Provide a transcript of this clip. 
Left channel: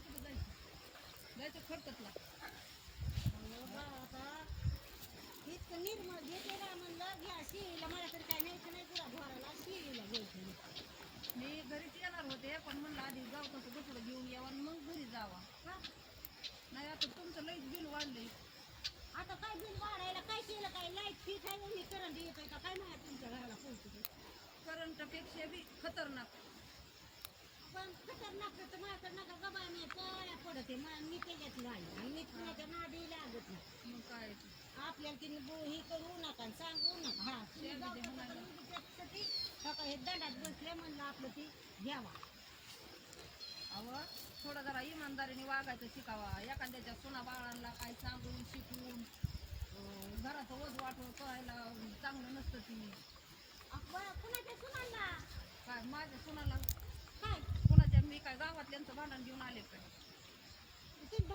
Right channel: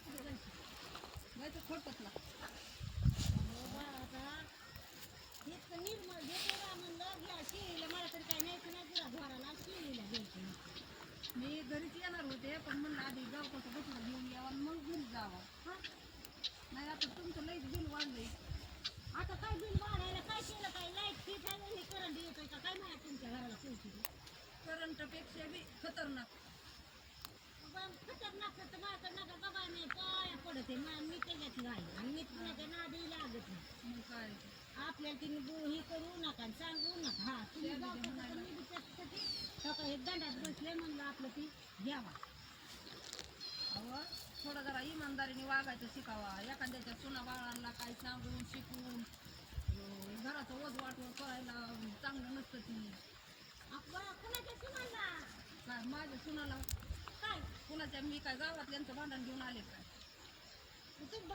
तुम्ही कुठं जायचं खडकतला. आता इतकं निर्मळ घेते का म्हणलं घ्या शिळीला, मला तर काय न्यायचं नाही पुरा ढोराला, शिळीला घ्यायचं. मी घरीच येणार होते पण म्हणलं आधी गवताचं बछडं घेऊन यावं आणि मग घरी जावा. हा नाही आता तुमचं लईच बिल वाढलंय. आता काय बिल वाढायला काय केलं, काय लाईट फिट आहे आणि करंट येतोय का काय माहिती तुमच्या घराला पोहोचतो. करंटपेक्षा बी खतरनाक. पण खतरनाक तर माझं नका गबाय नाही पाया पडते मी त्याच्यात नाही आणि मी कुणाच्या नादी लागत नाही. मग काय आपल्याला तिने ही करू नका आणि सांगू नका. हा तुम्ही त्या जाऊ बी शकता, म्हणायला. पण मी बी त्याच्यासाठी सकाळी दंडात बसले म्हणलं आपलं ती घ्यावा. अहो थोडं जरा इमानदारीने वागायचं शिकावा. एखाद्याच्या सुना बाळांना काही सांगून शिकून घराचं ओझ वाटवं करायला चांगलं नसतं ती. कुणाच्या सुनांना काय माझ्या सुनाला काय कुणाच्या मी काय गावातल्यांचं भांडण घेऊन आले काय? तुम्ही